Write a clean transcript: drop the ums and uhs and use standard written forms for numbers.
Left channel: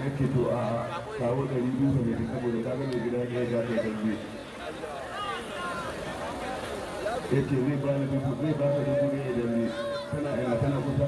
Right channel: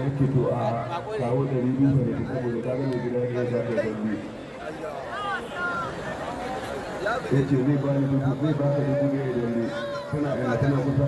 yake to a kawo 200 ne saboda ta gane gida ne ya gafe dambe ya ce zai ba ni dubu zai ba ta dubu ne da dambe tana ina tana kusa